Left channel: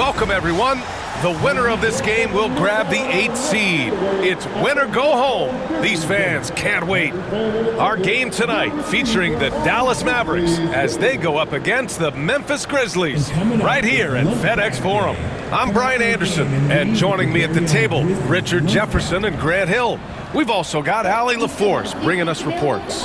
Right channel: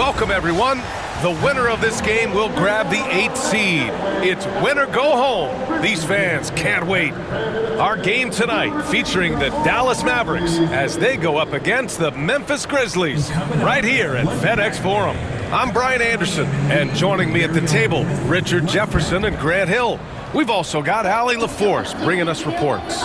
Welcome, everyone. The winner of this game will grab the 8th seed. It's win or go home. These fans can't wait. Our game tonight featuring the Dallas Mavericks as they go up against the Memphis Grizzlies right here at FedEx Forum. I'm Brian Anderson, and joining me at the table, Richard Jefferson and Grant Hill. We've also got Allie LaForce bringing us reports.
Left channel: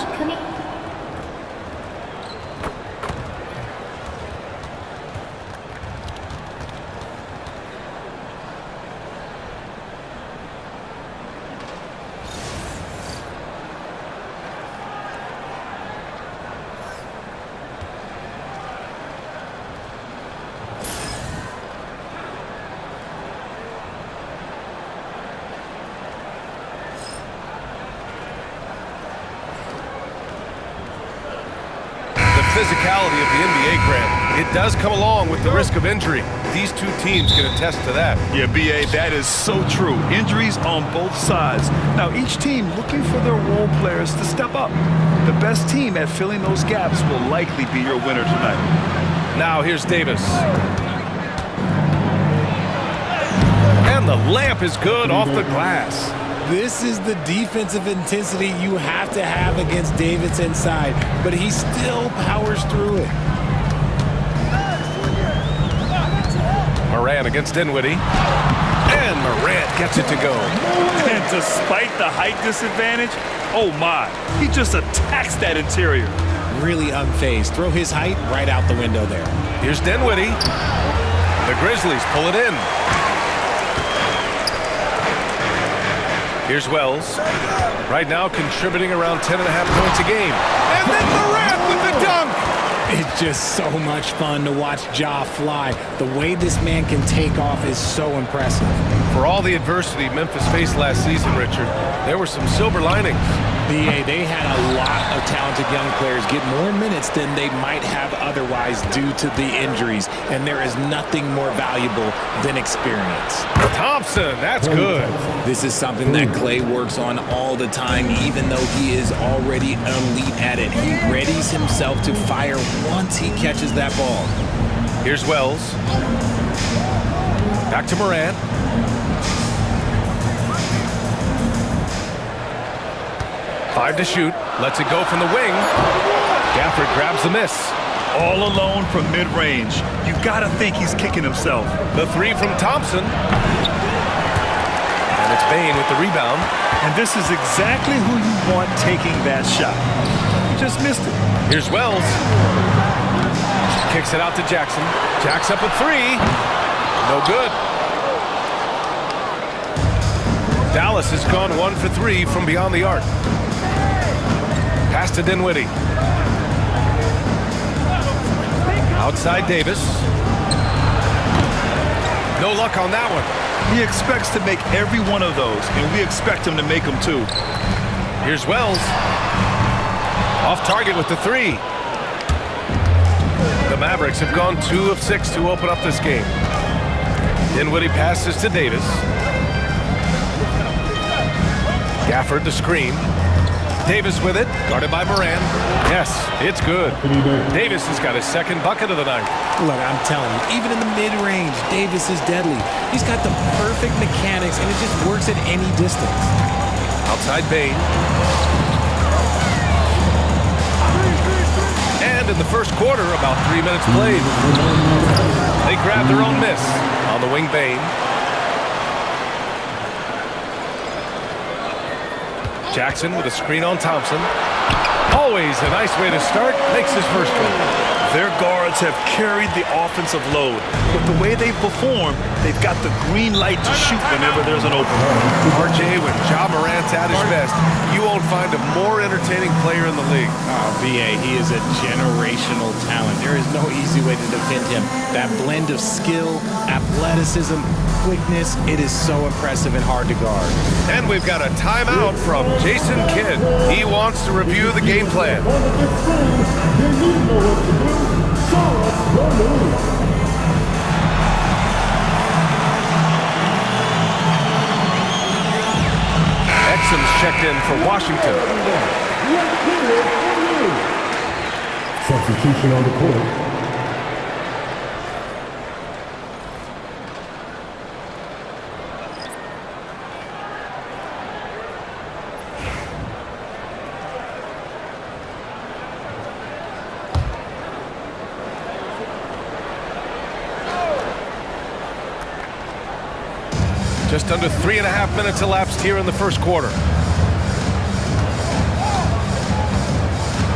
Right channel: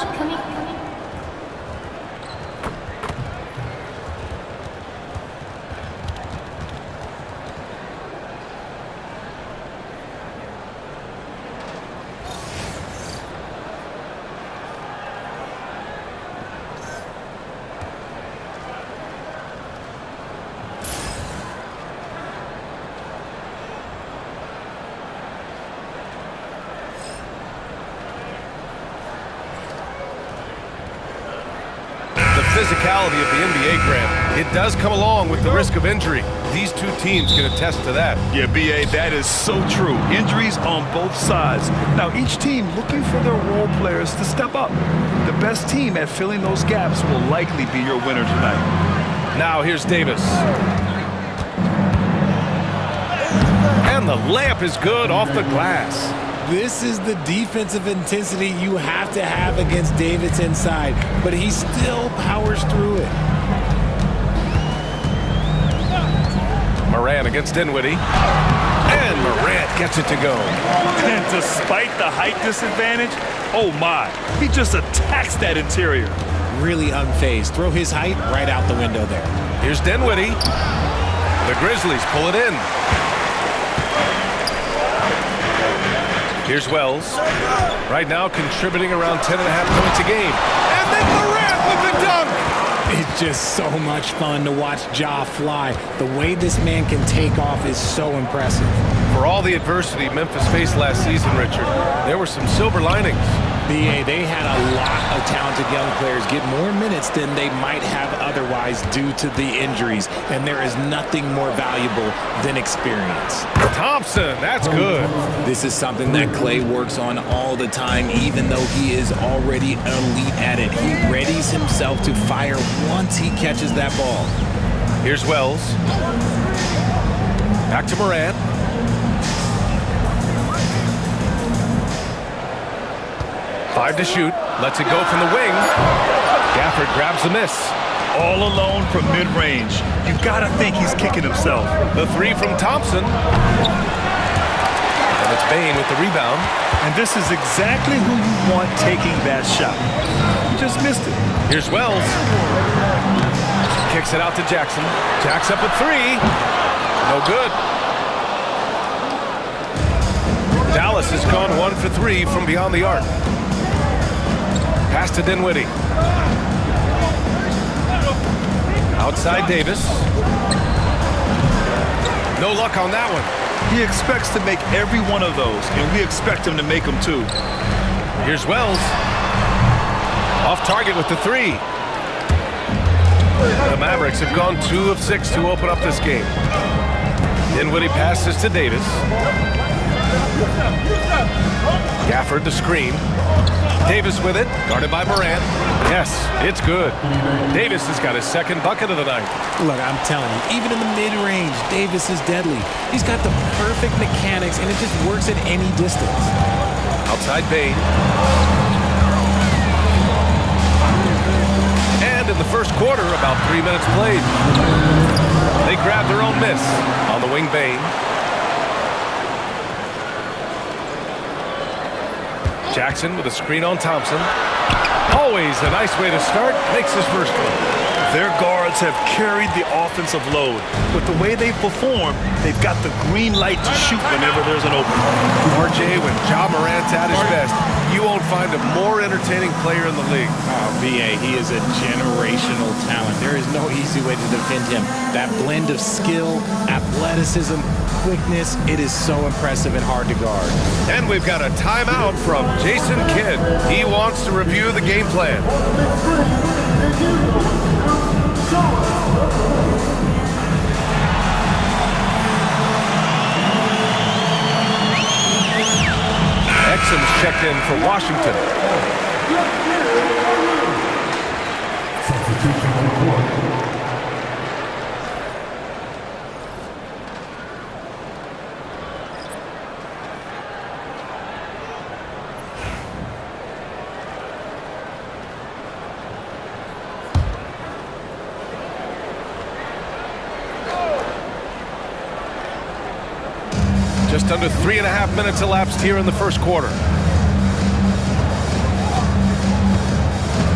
Physicality of the NBA, Grant, it does come along with the risk of injury. These two teams can attest to that. Yeah, B.A., that is so true. Injuries on both sides. Now, each team looking for their role players to step up. The best team at filling those gaps will likely be your winner tonight. Now, here's Davis. And the layup is good off the glass. This is the defensive intensity you have to have against Davis inside, but he still powers through it. Morant against Dinwiddie. And Morant gets it to go. And despite the height disadvantage, oh my, he just attacks that interior. Really unfazed. Throw his height right out the window there. Here's Dinwiddie. The Grizzlies pull it in. Here's Wells. Right now contributing around 10.5 points a game. And then Morant with the dunk! It's just so much fun to watch Ja fly. The way this man can take off is so impressive. For all the adversity Memphis faced last season, Richard, there were some silver linings. B.A., they had a lot of talented young players get more minutes than they might have otherwise due to the injuries, and there is nothing more valuable than experience. Thompson, that's good. This is something that Clay works on all the time, even though he is already elite at it. He readies himself to fire once he catches that ball. Here's Wells. Back to Morant. Five to shoot. Lets it go from the wing. Gafford grabs the miss. All alone from mid-range. You've got to think he's kicking himself. The three from Thompson. And it's Bane with the rebound. And this is exactly who you want taking that shot. He just missed it. Here's Wells. Kicks it out to Jackson. Jack's up a three. No good. Dallas has gone 1 for 3 from beyond the arc. Pass to Dinwiddie. Outside Davis. No luck on that one. He expects to make every one of those, and we expect him to make them too. Here's Wells. Off target with the three. The Mavericks have gone 2 of 6 to open up this game. Dinwiddie passes to Davis. Gafford the screen. Davis with it, guarded by Morant. Yes, it's good. Davis has got his second bucket of the night. Look, I'm telling you, even in the mid-range, Davis is deadly. He's got the perfect mechanics, and it just works at any distance. Outside Bane. And in the first quarter, about 3 minutes played. They grab their own miss on the wing. Bane. Jackson with a screen on Thompson. Always a nice way to start. Makes his first one. Their guards have carried the offensive load. With the way they perform, they've got the green light to shoot whenever there's an opening. RJ, when Ja Morant's at his best, you won't find a more entertaining player in the league. Oh, B.A., he is a generational talent. There is no easy way to defend him. That blend of skill, athleticism, quickness, it is so impressive and hard to guard. And we've got a timeout from Jason Kidd. He wants to review the game plan. Exum's checked in for Washington. Substitution on the court. Just under 3.5 minutes elapsed here in the first quarter.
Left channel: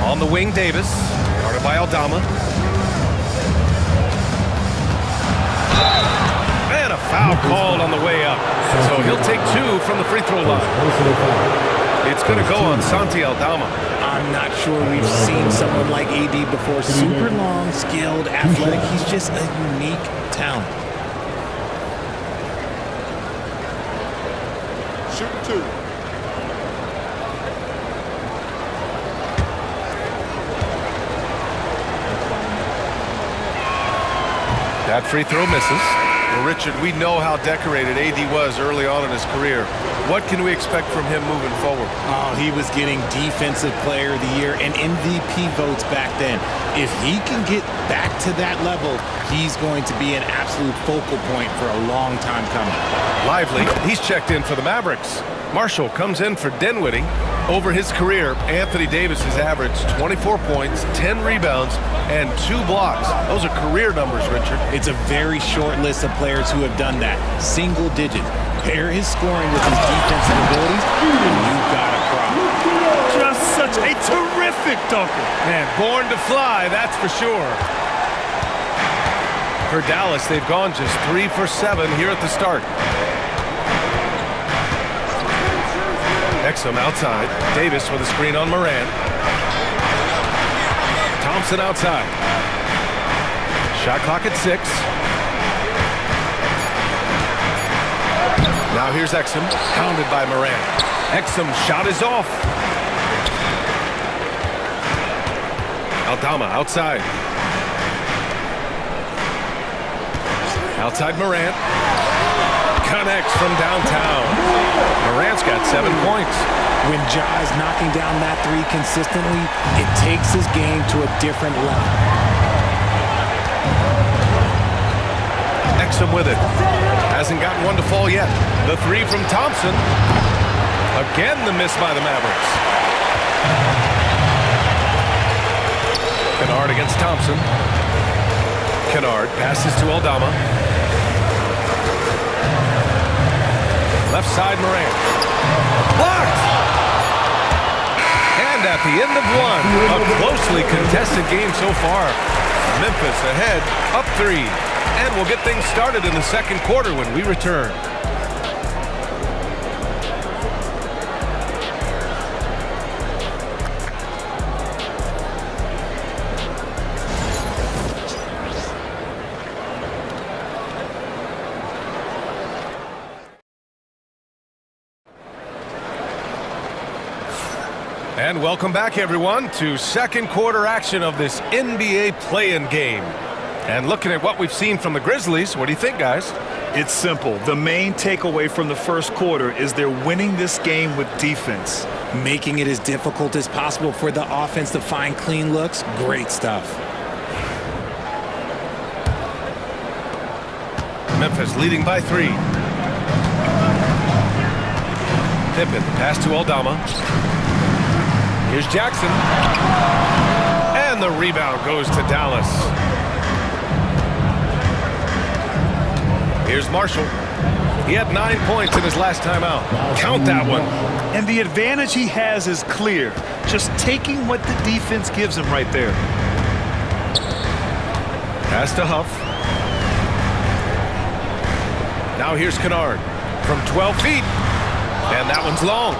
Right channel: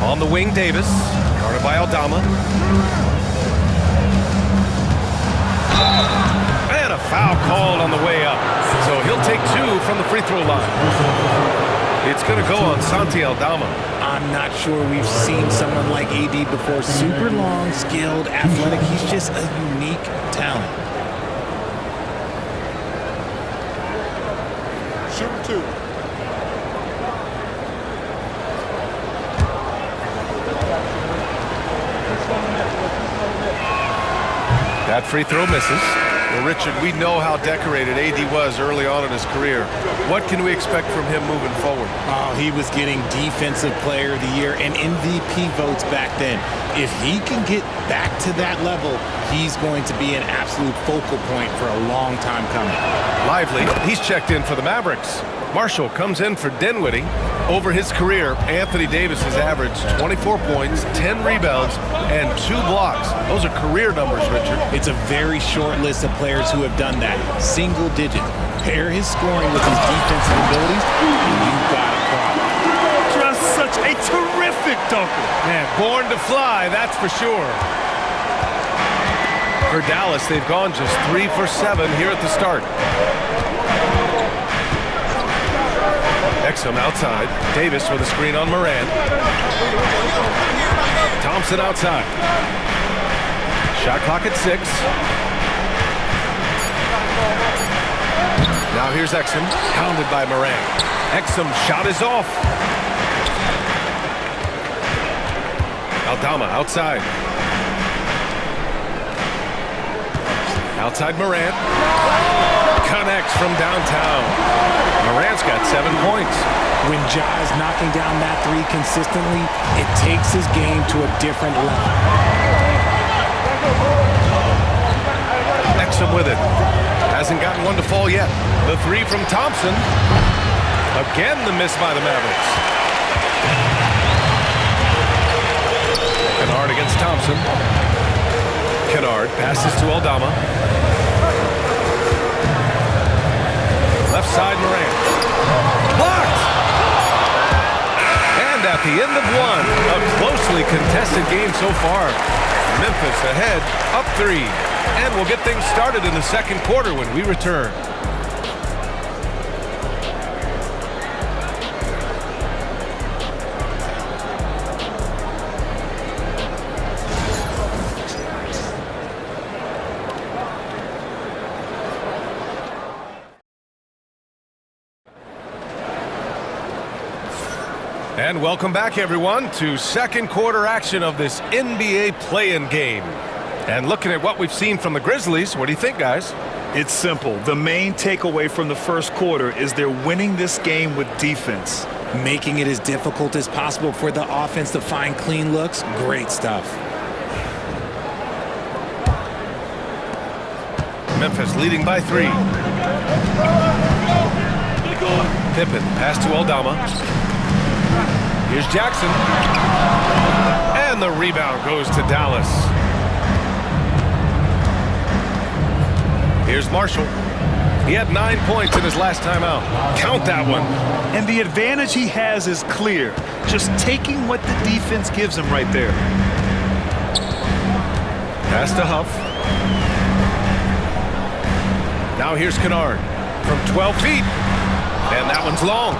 On the wing, Davis, guarded by Aldama. And a foul called on the way up. So he'll take 2 from the free throw line. It's going to go on Santi Aldama. I'm not sure we've seen someone like AD before. Super long, skilled, athletic. He's just a unique talent. Shooting 2. That free throw misses. Well, Richard, we know how decorated AD was early on in his career. What can we expect from him moving forward? Oh, he was getting Defensive Player of the Year and MVP votes back then. If he can get back to that level, he's going to be an absolute focal point for a long time coming. Lively, he's checked in for the Mavericks. Marshall comes in for Dinwiddie. Over his career, Anthony Davis has averaged 24 points, 10 rebounds, and 2 blocks. Those are career numbers, Richard. It's a very short list of players who have done that. Single digits. Pair his scoring with his defensive abilities, and you've got a problem. Just such a terrific dunker. Man, born to fly, that's for sure. For Dallas, they've gone just 3 for 7 here at the start. Exum outside. Davis with a screen on Moran. Thompson outside. Shot clock at 6. Now here's Exum, pounded by Moran. Exum shot is off. Aldama outside. Outside Moran. Connects from downtown. Morant's got 7 points. When Ja is knocking down that 3 consistently, it takes his game to a different level. Exum with it. Hasn't gotten one to fall yet. The 3 from Thompson. Again, the miss by the Mavericks. Kennard against Thompson. Kennard passes to Aldama. Left side, Moran. Blocked! And at the end of 1, a closely contested game so far. Memphis ahead, up 3. And we'll get things started in the second quarter when we return. And welcome back, everyone, to second quarter action of this NBA play-in game. And looking at what we've seen from the Grizzlies, what do you think, guys? It's simple. The main takeaway from the first quarter is they're winning this game with defense. Making it as difficult as possible for the offense to find clean looks. Great stuff. Memphis leading by 3. Pippen, pass to Aldama. Here's Jackson. And the rebound goes to Dallas. Here's Marshall. He had 9 points in his last time out. Count that one. And the advantage he has is clear. Just taking what the defense gives him right there. Pass to Huff. Now here's Kennard from 12 feet. And that one's long.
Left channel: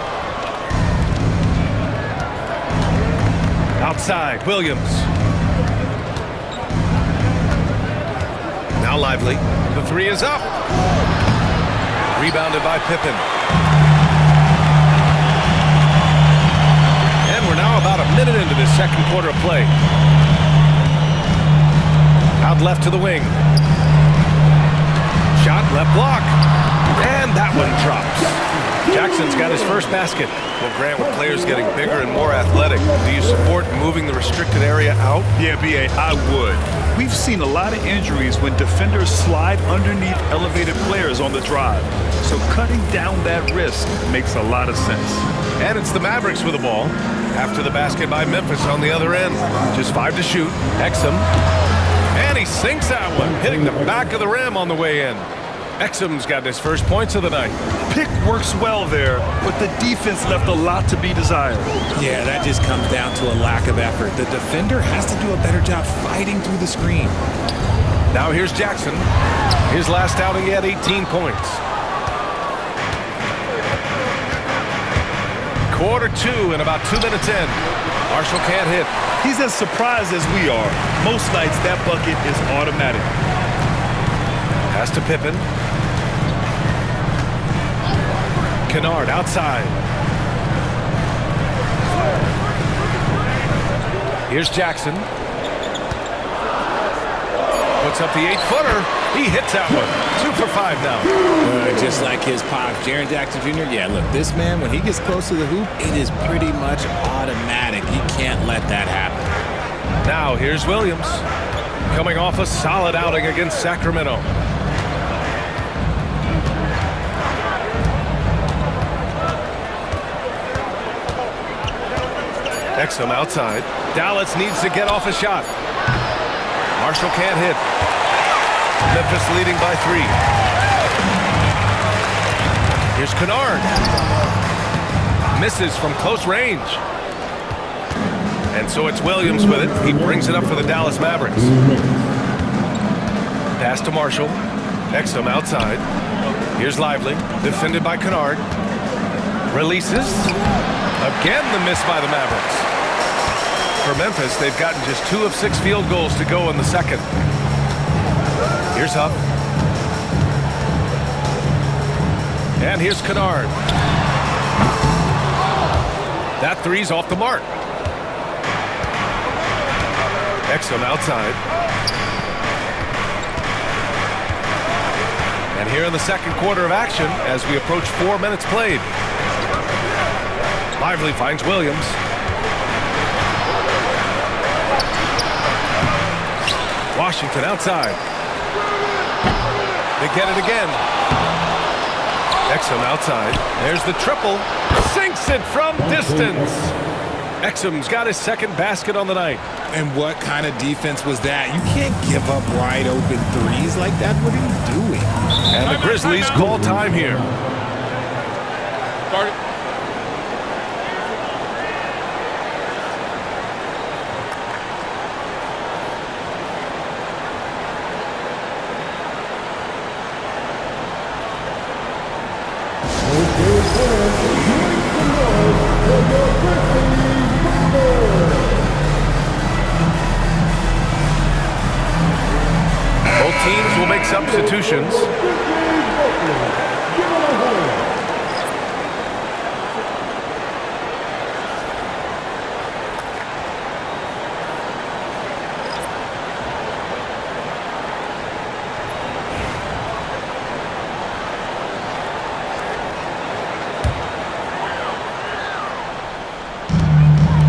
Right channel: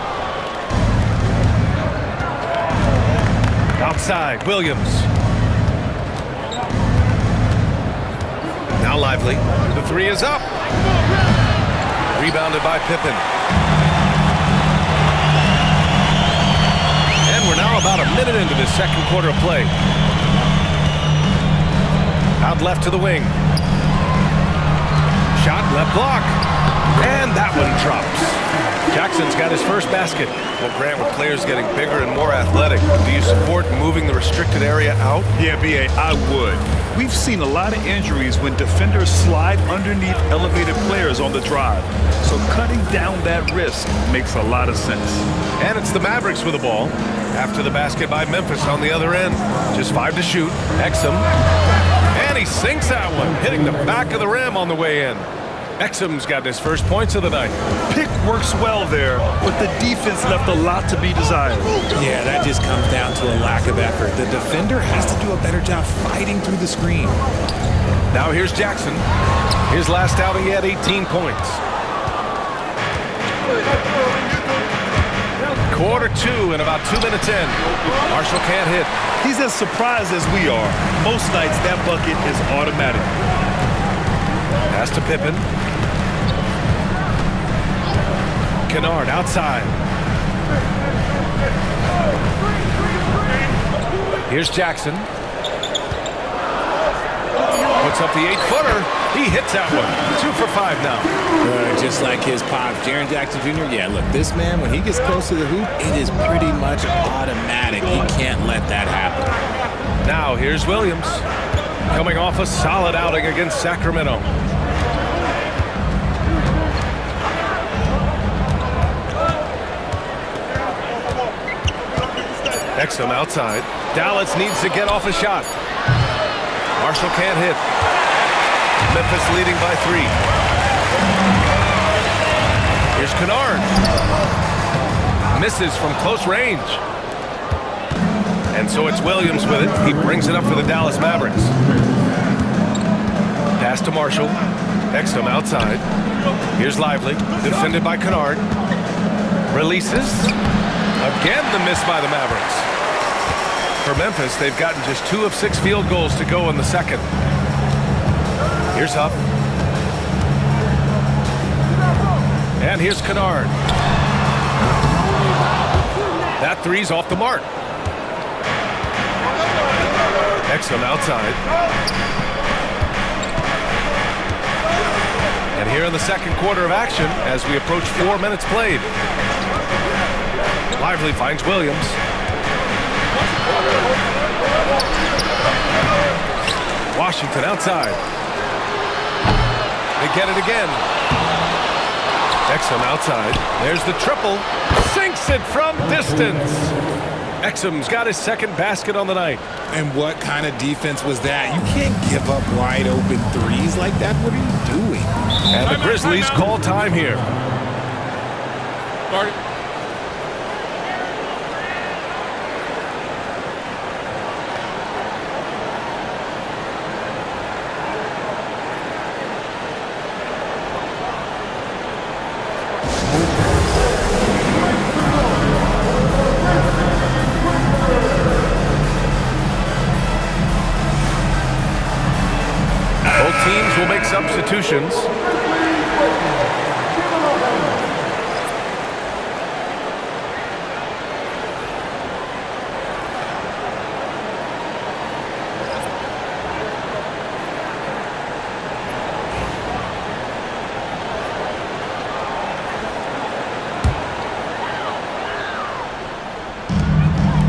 Outside, Williams. Now Lively. The 3 is up. Rebounded by Pippen. And we're now about a minute into this second quarter of play. Out left to the wing. Shot, left block. And that one drops. Jackson's got his first basket. Well, Grant, with players getting bigger and more athletic, do you support moving the restricted area out? Yeah, B.A., I would. We've seen a lot of injuries when defenders slide underneath elevated players on the drive. So cutting down that risk makes a lot of sense. And it's the Mavericks with the ball. After the basket by Memphis on the other end. Just 5 to shoot. Exum. And he sinks that one, hitting the back of the rim on the way in. Exum's got his first points of the night. Pick works well there, but the defense left a lot to be desired. Yeah, that just comes down to a lack of effort. The defender has to do a better job fighting through the screen. Now here's Jackson. His last outing, he had 18 points. Quarter 2 and about 2 minutes in. Marshall can't hit. He's as surprised as we are. Most nights that bucket is automatic. Pass to Pippen. Kennard outside. Here's Jackson. Puts up the 8-footer. He hits that one. 2 for 5 now. Just like his pops, Jaren Jackson Jr. Yeah, look, this man, when he gets close to the hoop, it is pretty much automatic. He can't let that happen. Now here's Williams. Coming off a solid outing against Sacramento. Exum outside. Dallas needs to get off a shot. Marshall can't hit. Memphis leading by 3. Here's Kennard. Misses from close range. And so it's Williams with it. He brings it up for the Dallas Mavericks. Pass to Marshall. Exum outside. Here's Lively. Defended by Kennard. Releases. Again, the miss by the Mavericks. For Memphis, they've gotten just 2 of 6 field goals to go in the second. Here's Huff. And here's Kennard. That three's off the mark. Exum outside. And here in the second quarter of action, as we approach 4 minutes played. Lively finds Williams. Washington outside. They get it again. Exum outside. There's the triple. Sinks it from distance. Exum's got his second basket on the night. And what kind of defense was that? You can't give up wide open threes like that. What are you doing? And the Grizzlies call time here. Start it. Both teams will make substitutions.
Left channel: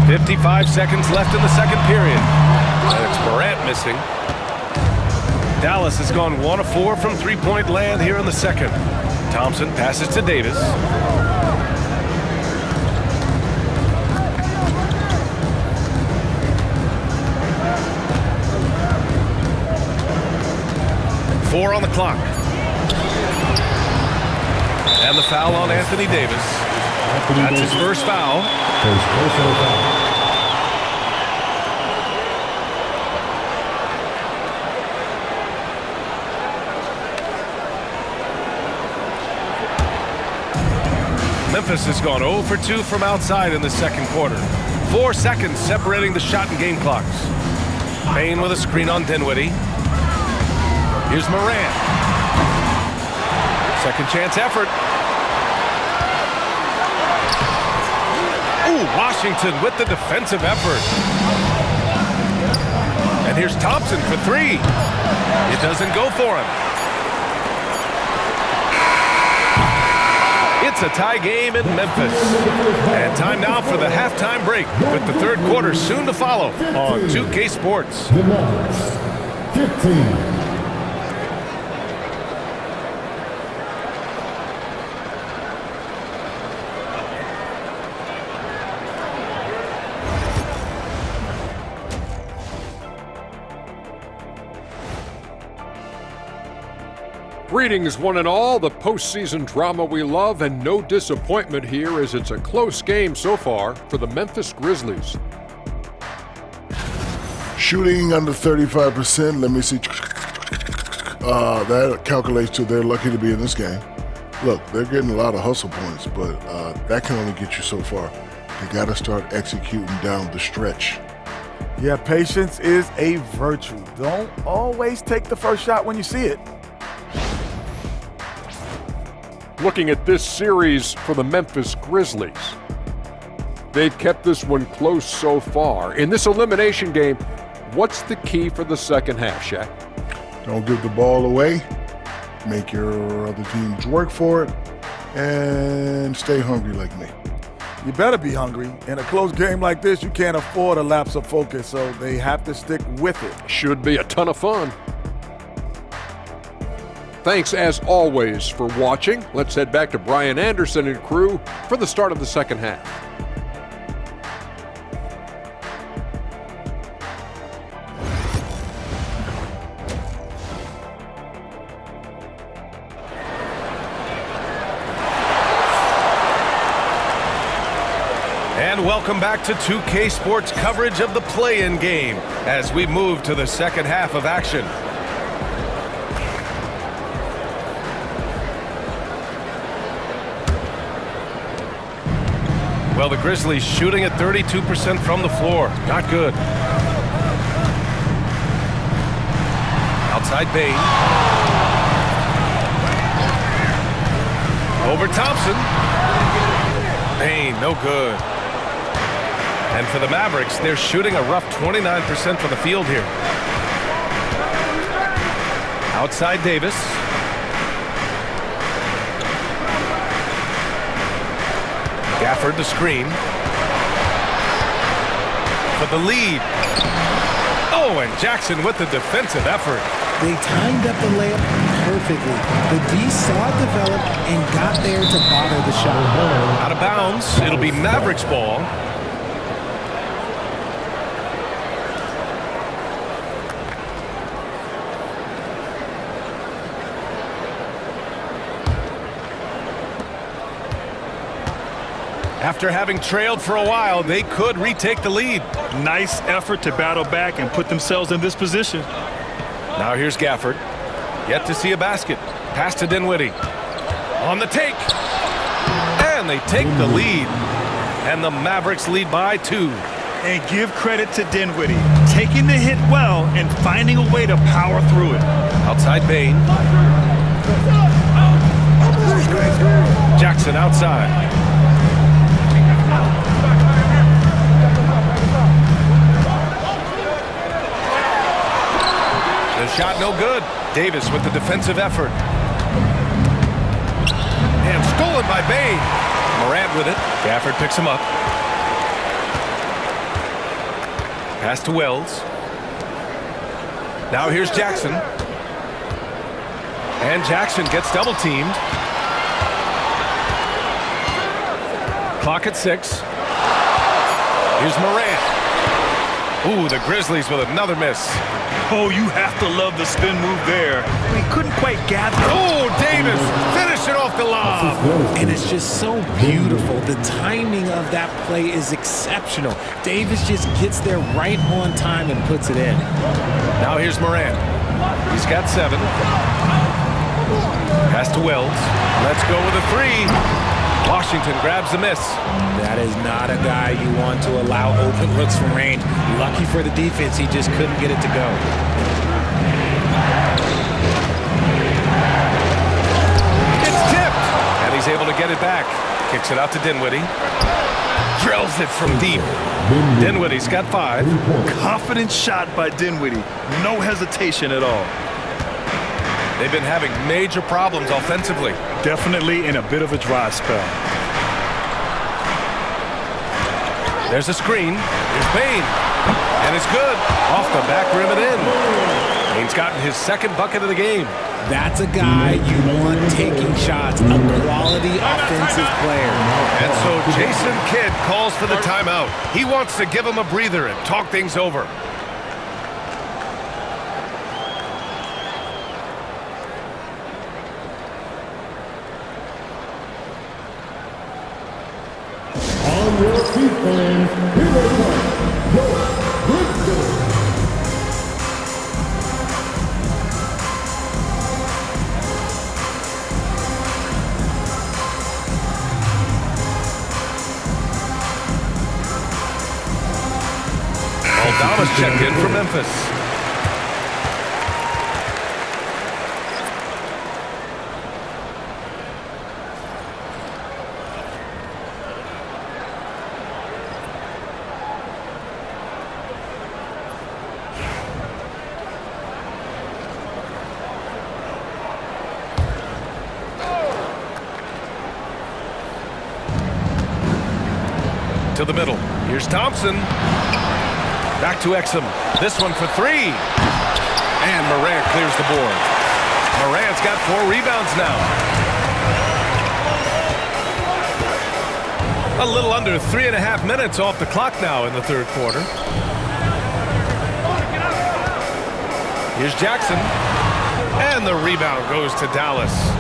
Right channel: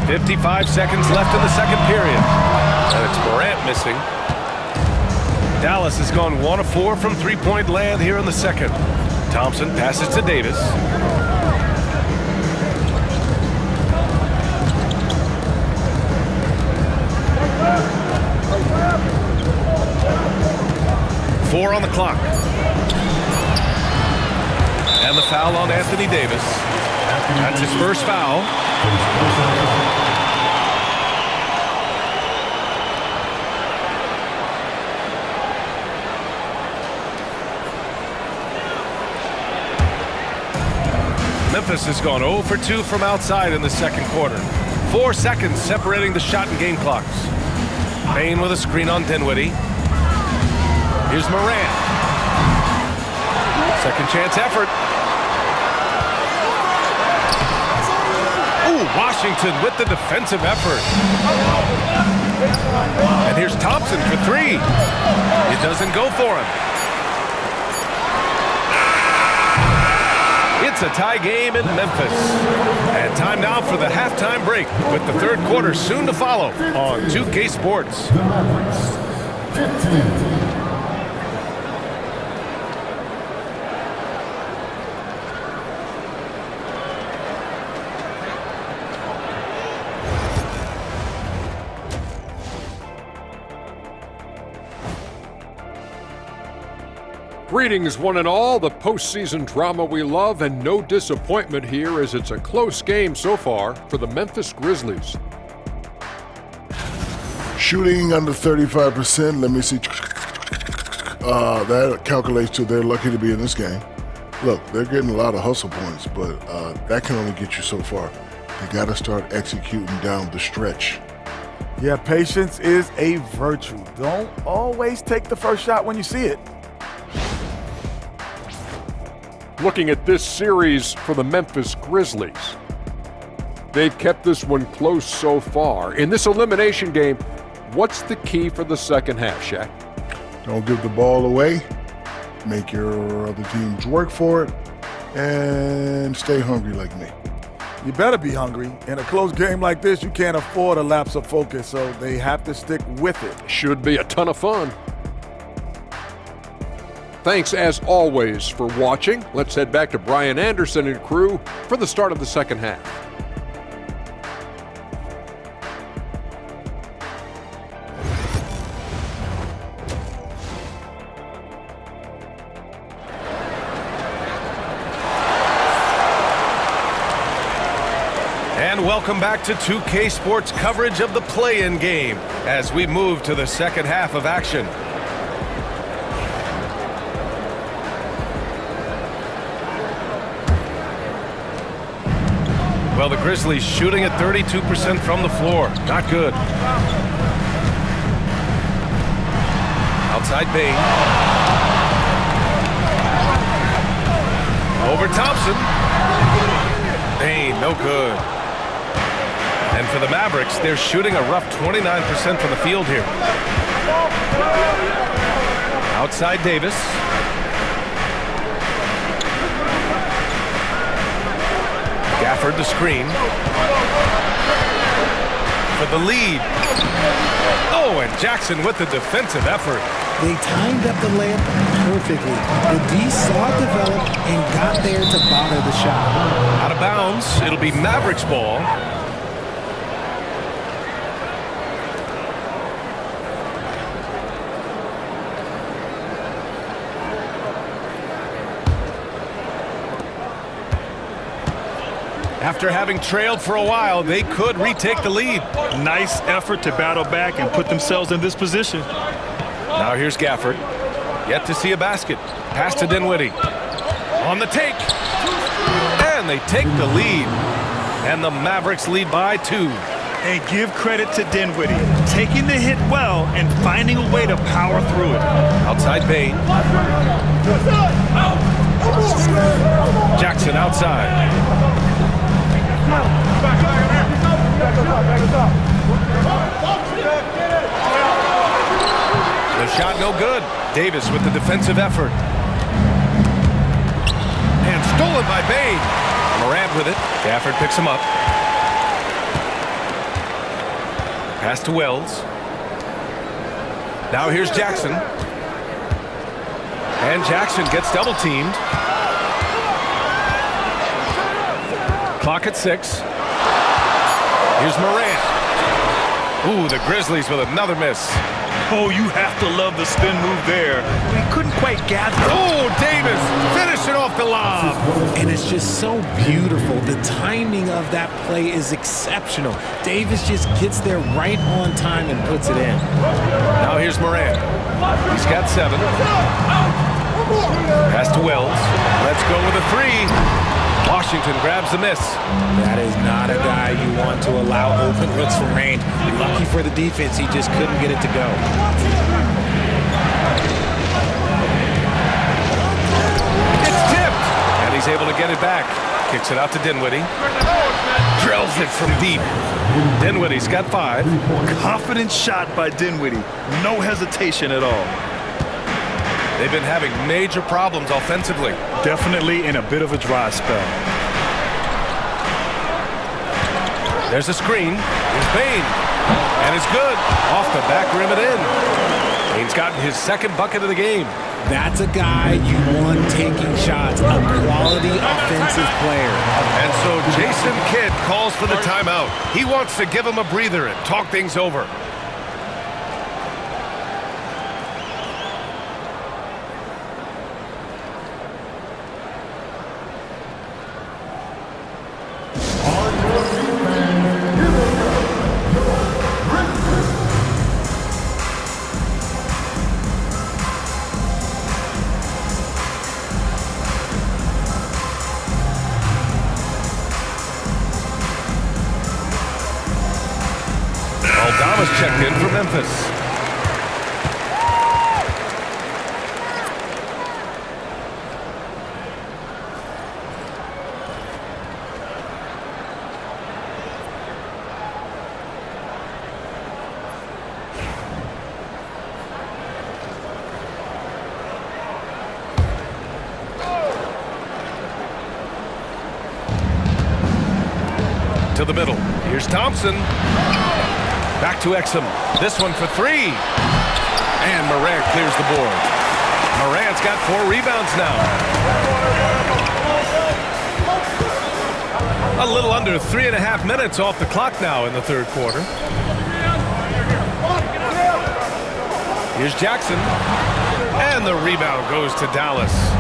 .55 seconds left in the second period. And it's Morant missing. Dallas has gone 1 of 4 from three-point land here in the second. Thompson passes to Davis. Four on the clock. And the foul on Anthony Davis. That's his first foul. Memphis has gone 0 for 2 from outside in the second quarter. 4 seconds separating the shot and game clocks. Payne with a screen on Dinwiddie. Here's Morant. Second chance effort. Ooh, Washington with the defensive effort. And here's Thompson for 3. It doesn't go for him. It's a tie game in Memphis. And time now for the halftime break, with the third quarter soon to follow on 2K Sports. The Mavericks, 15. Greetings, one and all, the postseason drama we love, and no disappointment here as it's a close game so far for the Memphis Grizzlies. Shooting under 35%. Let me see. That calculates to they're lucky to be in this game. Look, they're getting a lot of hustle points, but that can only get you so far. They got to start executing down the stretch. Yeah, patience is a virtue. Don't always take the first shot when you see it. Looking at this series for the Memphis Grizzlies, they've kept this one close so far. In this elimination game, what's the key for the second half, Shaq? Don't give the ball away. Make your other teams work for it. And stay hungry like me. You better be hungry. In a close game like this, you can't afford a lapse of focus, so they have to stick with it. Should be a ton of fun. Thanks, as always, for watching. Let's head back to Brian Anderson and crew for the start of the second half. And welcome back to 2K Sports coverage of the play-in game as we move to the second half of action. Well, the Grizzlies shooting at 32% from the floor. Not good. Outside Bain. Over Thompson. Bain, no good. And for the Mavericks, they're shooting a rough 29% from the field here. Outside Davis. Gafford the screen. For the lead. Oh, and Jackson with the defensive effort. They timed up the layup perfectly. The D saw it develop and got there to bother the shot. Out of bounds. It'll be Mavericks ball. After having trailed for a while, they could retake the lead. Nice effort to battle back and put themselves in this position. Now here's Gafford. Yet to see a basket. Pass to Dinwiddie. On the take. And they take the lead. And the Mavericks lead by 2. And give credit to Dinwiddie, taking the hit well and finding a way to power through it. Outside Bain. Jackson outside. The shot no good. Davis with the defensive effort. And stolen by Bain. Morant with it. Gafford picks him up. Pass to Wells. Now here's Jackson. And Jackson gets double teamed. Clock at 6. Here's Morant. Ooh, the Grizzlies with another miss. Oh, you have to love the spin move there. We couldn't quite gather. Oh, Davis finishing off the lob. And it's just so beautiful. The timing of that play is exceptional. Davis just gets there right on time and puts it in. Now here's Morant. He's got 7. Pass to Wells. Let's go with a 3. Washington grabs the miss. That is not a guy you want to allow open looks from range. Lucky for the defense, he just couldn't get it to go. It's tipped, and he's able to get it back. Kicks it out to Dinwiddie. Drills it from deep. Dinwiddie's got 5. Confident shot by Dinwiddie. No hesitation at all. They've been having major problems offensively. Definitely in a bit of a dry spell. There's a screen. Here's Bain. And it's good. Off the back rim and in. Bain's gotten his 2nd bucket of the game. That's a guy you want taking shots, a quality offensive player. And so Jason Kidd calls for the timeout. He wants to give him a breather and talk things over. Aldama's checked in for Memphis. To the middle. Here's Thompson. Back to Exum. This one for three. And Morant clears the board. Morant's got 4 rebounds now. A little under 3.5 minutes off the clock now in the third quarter. Here's Jackson. And the rebound goes to Dallas.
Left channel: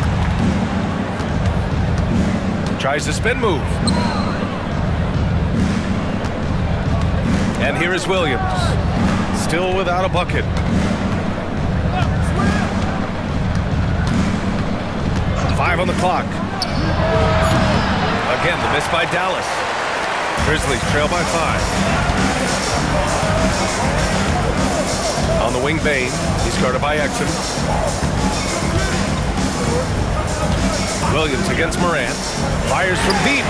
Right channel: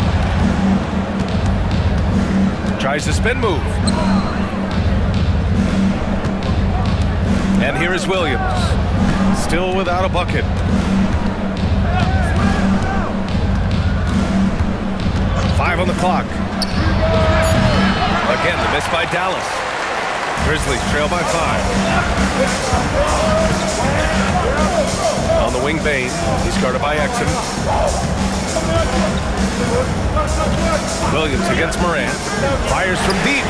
Tries the spin move. And here is Williams, still without a bucket. Five on the clock. Again, the miss by Dallas. Grizzlies trail by 5. On the wing, Bain. He's guarded by Exum. Williams against Morant. Fires from deep.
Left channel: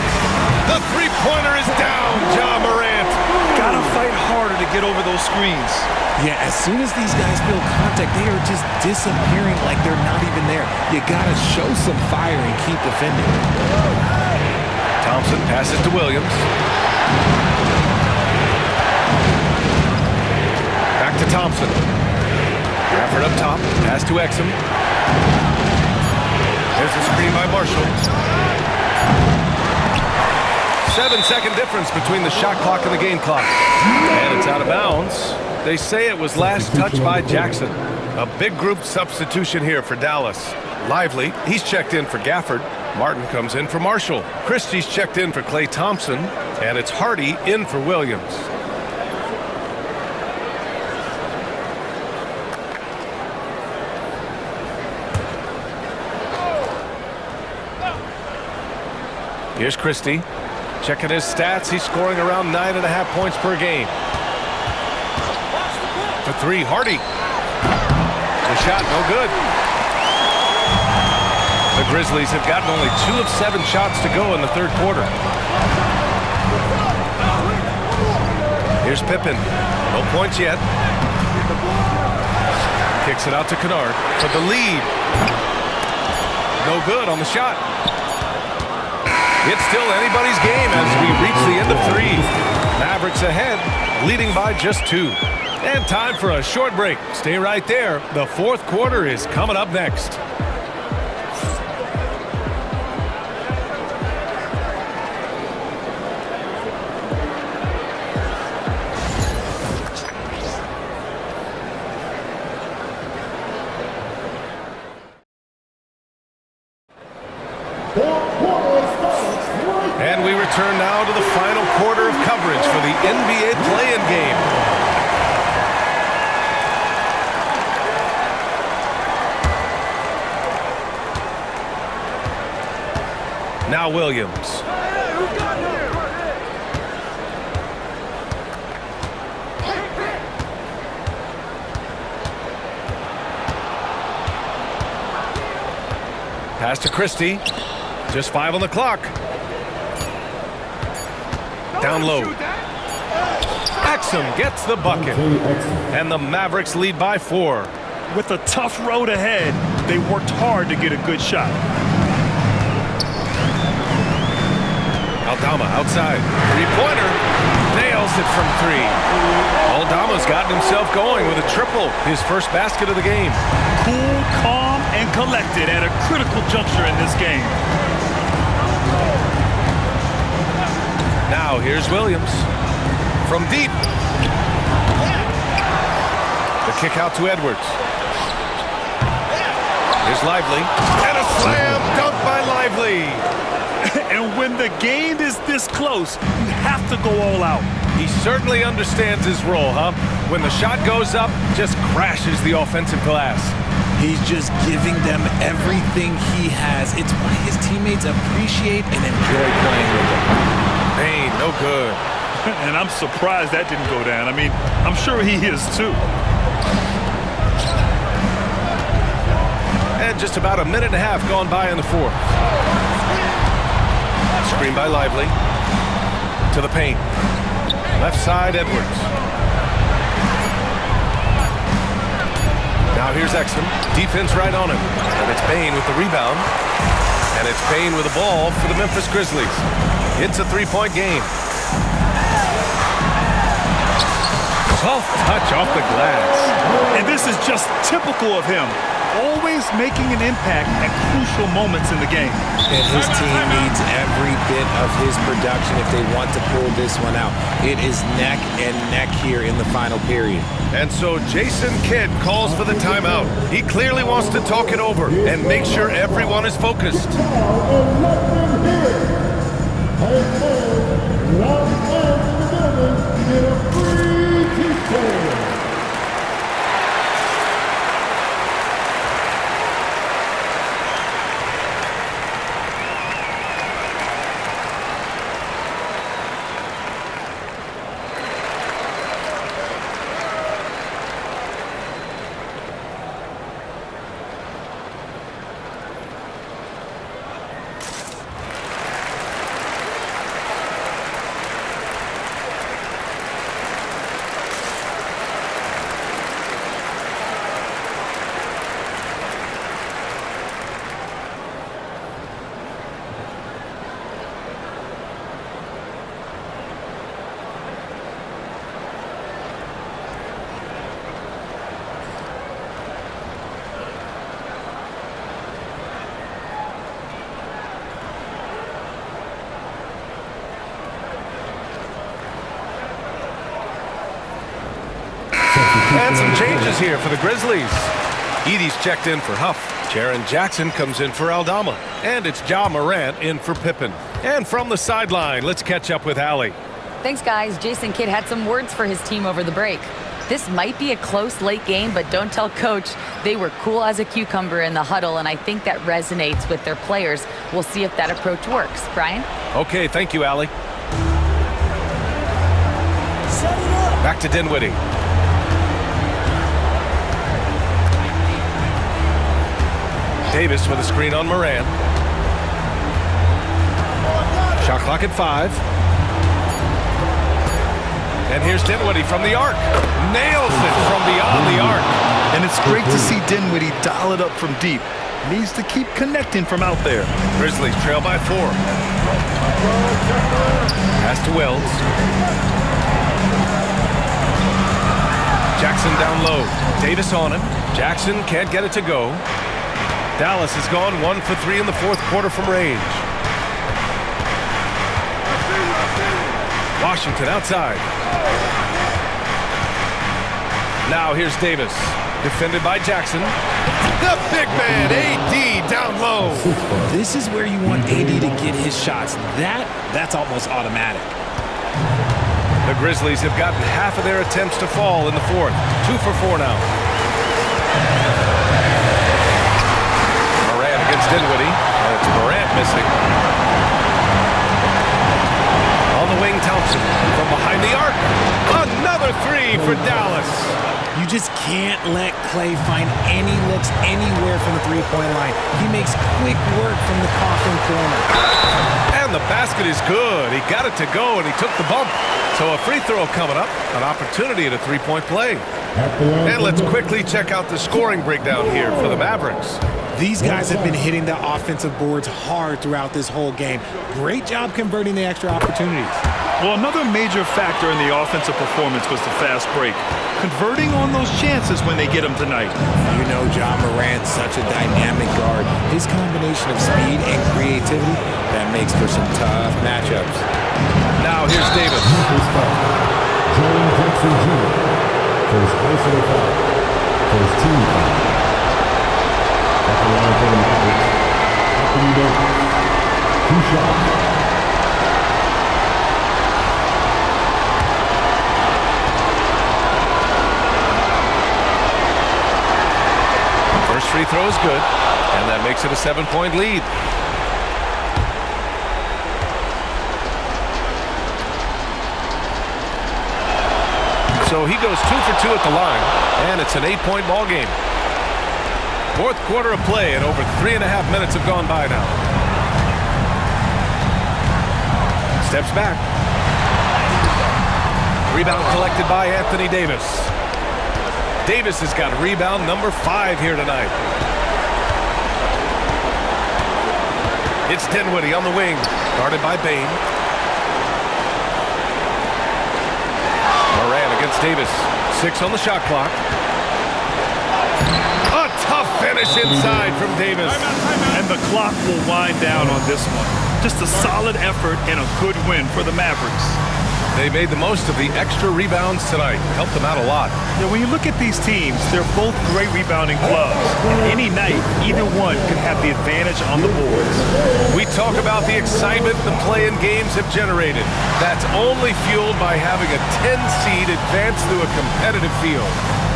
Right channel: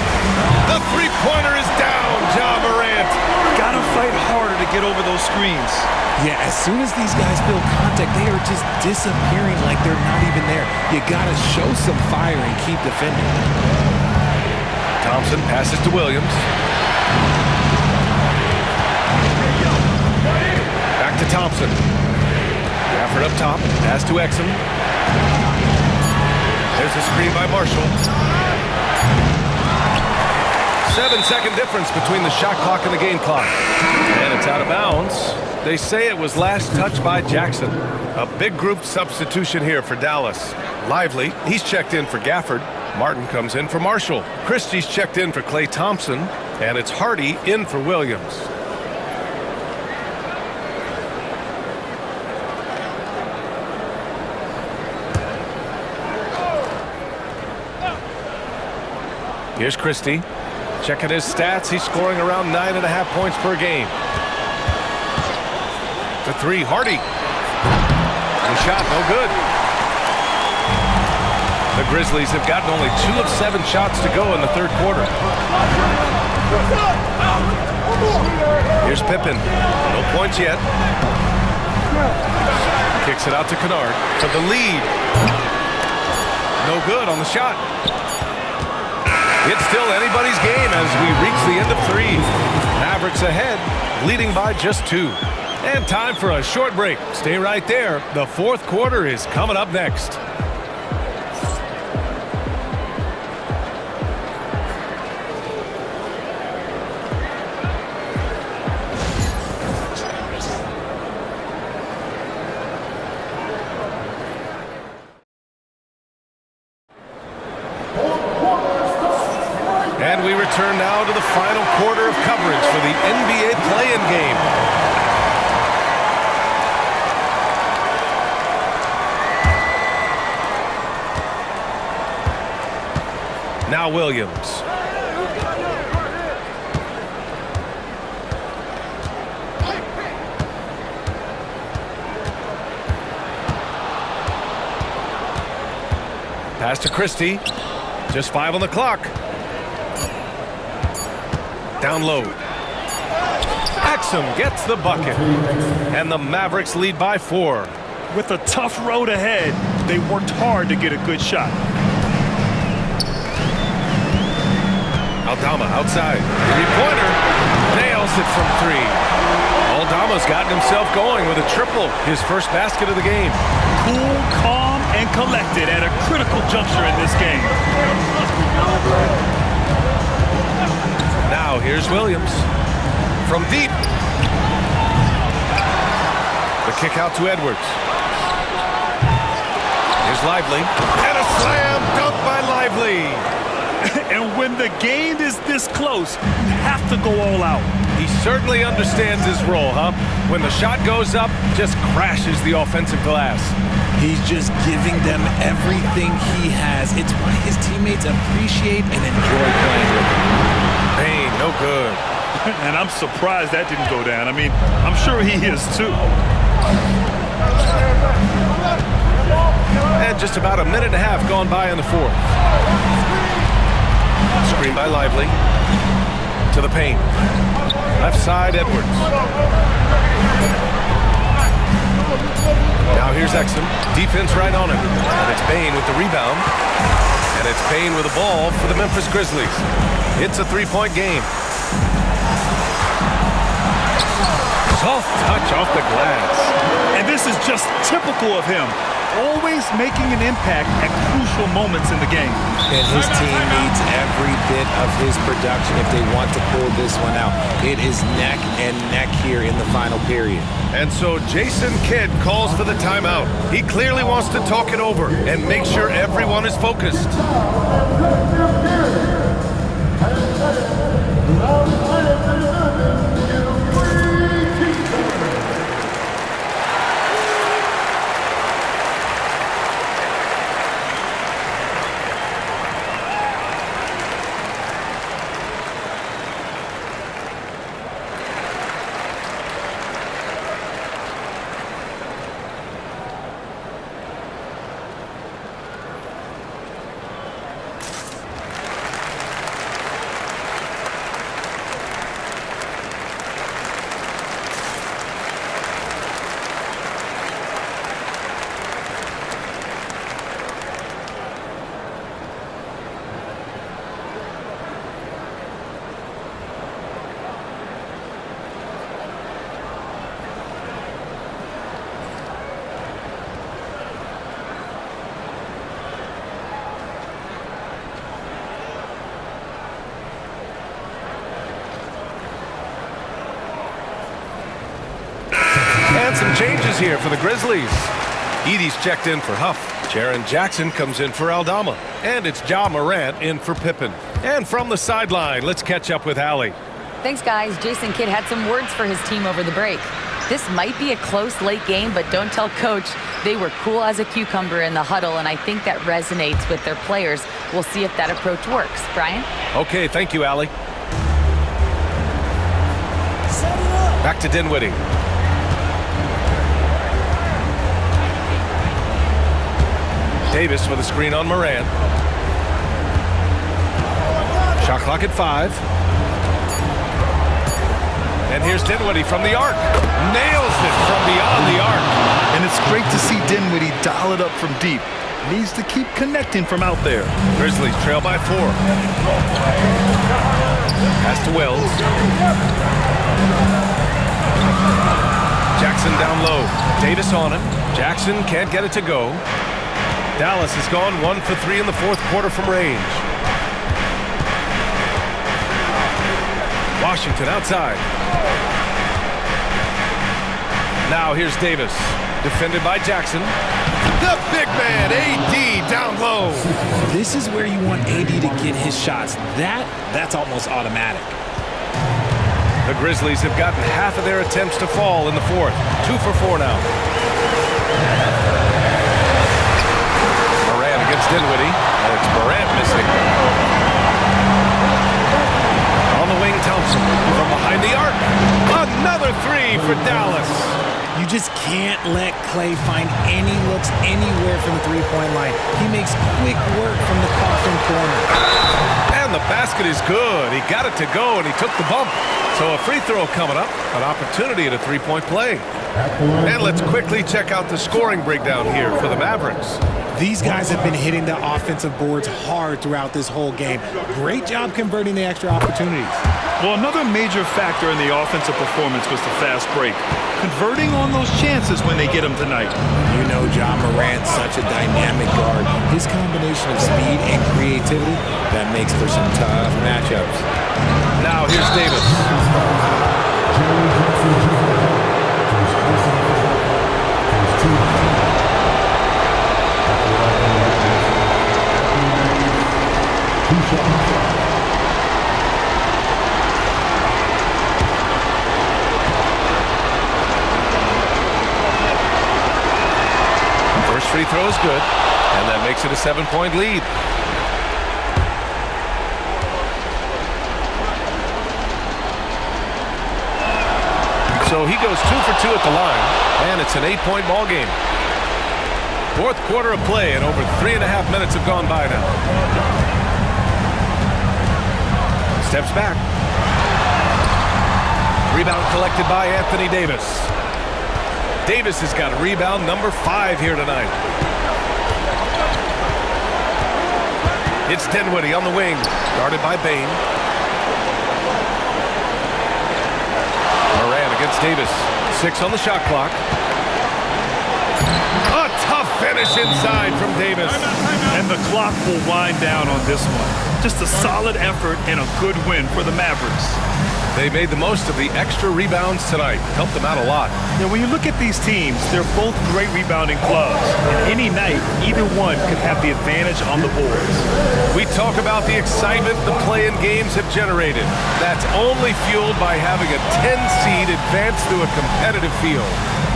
The three-pointer is down, Ja Morant. Gotta fight harder to get over those screens. Yeah, as soon as these guys feel contact, they are just disappearing like they're not even there. You gotta show some fire and keep defending. Thompson passes to Williams. Back to Thompson. Gafford up top. Pass to Exum. There's a screen by Marshall. 7-second difference between the shot clock and the game clock. And it's out of bounds. They say it was last touched by Jackson. A big group substitution here for Dallas. Lively, he's checked in for Gafford. Martin comes in for Marshall. Christie's checked in for Klay Thompson. And it's Hardy in for Williams. Here's Christie. Checking his stats. He's scoring around 9.5 points per game. For 3, Hardy. The shot, no good. The Grizzlies have gotten only 2 of 7 shots to go in the third quarter. Here's Pippen. No points yet. Kicks it out to Kennard for the lead. No good on the shot. It's still anybody's game as we reach the end of 3. Mavericks ahead, leading by just 2. And time for a short break. Stay right there. The fourth quarter is coming up next. And we return now to the final quarter of coverage for the NBA play-in game. Now Williams. Pass to Christie. Just 5 on the clock. Down low. Exum gets the bucket. And the Mavericks lead by 4. With a tough road ahead, they worked hard to get a good shot. Aldama outside. Three-pointer. Nails it from 3. Aldama's gotten himself going with a triple. His first basket of the game. Cool, calm, and collected at a critical juncture in this game. Now here's Williams. From deep. The kick out to Edwards. Here's Lively. And a slam dunk by Lively. And when the game is this close, you have to go all out. He certainly understands his role, huh? When the shot goes up, just crashes the offensive glass. He's just giving them everything he has. It's why his teammates appreciate and enjoy playing with him. Bain, no good. And I'm surprised that didn't go down. I mean, I'm sure he is too. And just about a minute and a half gone by in the fourth. Screen by Lively. To the paint. Left side, Edwards. Now here's Exum. Defense right on him. And it's Bane with the rebound. And it's Bane with the ball for the Memphis Grizzlies. It's a three-point game. Soft touch off the glass. And this is just typical of him. Always making an impact at crucial moments in the game. And his team needs every bit of his production if they want to pull this one out. It is neck and neck here in the final period. And so Jason Kidd calls for the timeout. He clearly wants to talk it over and make sure everyone is focused. And some changes here for the Grizzlies. Edie's checked in for Huff. Jaren Jackson comes in for Aldama. And it's Ja Morant in for Pippen. And from the sideline, let's catch up with Allie. Thanks, guys. Jason Kidd had some words for his team over the break. This might be a close late game, but don't tell Coach. They were cool as a cucumber in the huddle, and I think that resonates with their players. We'll see if that approach works. Brian? Okay, thank you, Allie. Back to Dinwiddie. Davis with a screen on Morant. Shot clock at 5. And here's Dinwiddie from the arc. Nails it from beyond the arc. And it's great to see Dinwiddie dial it up from deep. Needs to keep connecting from out there. Grizzlies trail by 4. Pass to Wells. Jackson down low. Davis on him. Jackson can't get it to go. Dallas has gone 1 for 3 in the fourth quarter from range. Washington outside. Now here's Davis. Defended by Jackson. The big man, AD, down low. This is where you want AD to get his shots. That's almost automatic. The Grizzlies have gotten half of their attempts to fall in the fourth. 2 for 4 now. Morant against Dinwiddie, and it's Morant missing. On the wing, Thompson from behind the arc. Another 3 for Dallas. You just can't let Clay find any looks anywhere from the three-point line. He makes quick work from the coffin corner. And the basket is good. He got it to go, and he took the bump. So a free throw coming up, an opportunity at a three-point play. And let's quickly check out the scoring breakdown here for the Mavericks. These guys have been hitting the offensive boards hard throughout this whole game. Great job converting the extra opportunities. Well, another major factor in the offensive performance was the fast break. Converting on those chances when they get them tonight. You know Ja Morant, such a dynamic guard. His combination of speed and creativity, that makes for some tough matchups. Now here's Davis. Jaren Jackson Jr. First personal foul. First team foul. At the line for the Mavericks, Anthony Davis. 2 shots. First free throw is good, and that makes it a 7-point lead. So he goes 2 for 2 at the line, and it's an 8-point ball game. Fourth quarter of play, and over 3.5 minutes have gone by now. Steps back. Rebound collected by Anthony Davis. Davis has got rebound number 5 here tonight. It's Dinwiddie on the wing, guarded by Bain. Moran against Davis. 6 on the shot clock. A tough finish inside from Davis. And the clock will wind down on this one. Just a solid effort and a good win for the Mavericks. They made the most of the extra rebounds tonight. Helped them out a lot. Yeah, when you look at these teams, they're both great rebounding clubs. And any night, either one could have the advantage on the boards. We talk about the excitement the play-in games have generated. That's only fueled by having a 10 seed advance through a competitive field.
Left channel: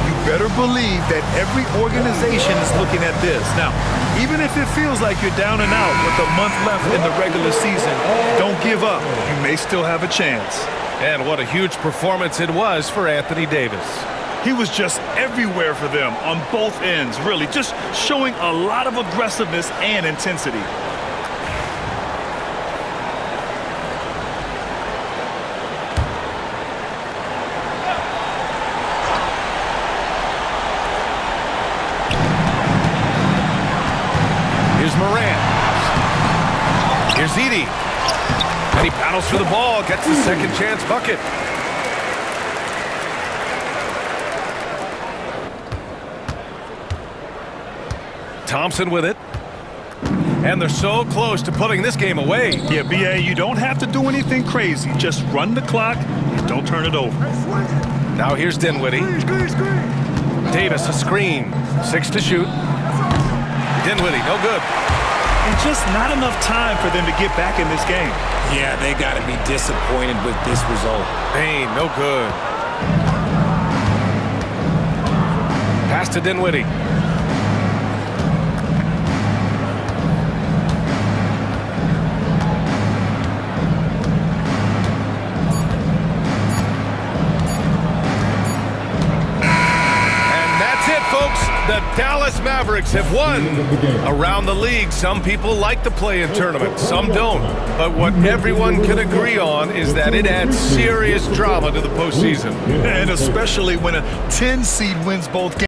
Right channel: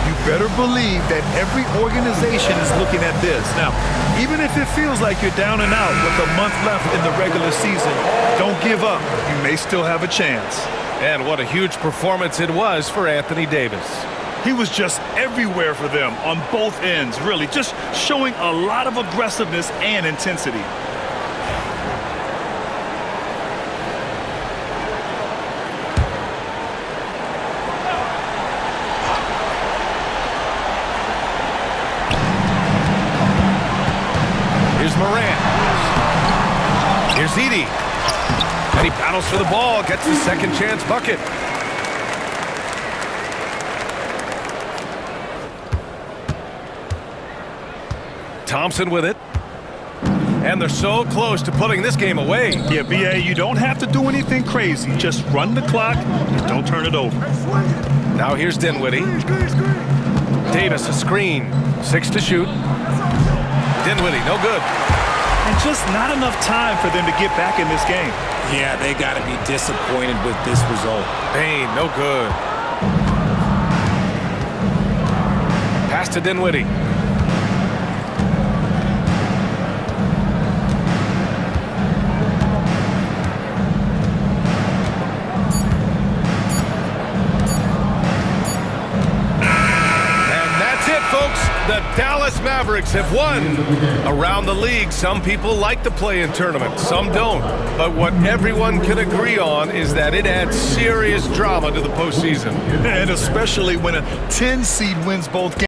You better believe that every organization is looking at this. Now, even if it feels like you're down and out with a month left in the regular season, don't give up. You may still have a chance. And what a huge performance it was for Anthony Davis. He was just everywhere for them on both ends, really, just showing a lot of aggressiveness and intensity. Here's Moran. Here's Edey. And he battles for the ball, gets the second chance bucket. Thompson with it. And they're so close to putting this game away. Yeah, B.A., you don't have to do anything crazy. Just run the clock and don't turn it over. Now here's Dinwiddie. Davis, a screen. 6 to shoot. Dinwiddie, no good. And just not enough time for them to get back in this game. Yeah, they got to be disappointed with this result. Bain, no good. Pass to Dinwiddie. That's it, folks. The Dallas Mavericks have won. Around the league, some people like the play-in tournament, some don't. But what everyone can agree on is that it adds serious drama to the postseason. And especially when a 10 seed wins both games.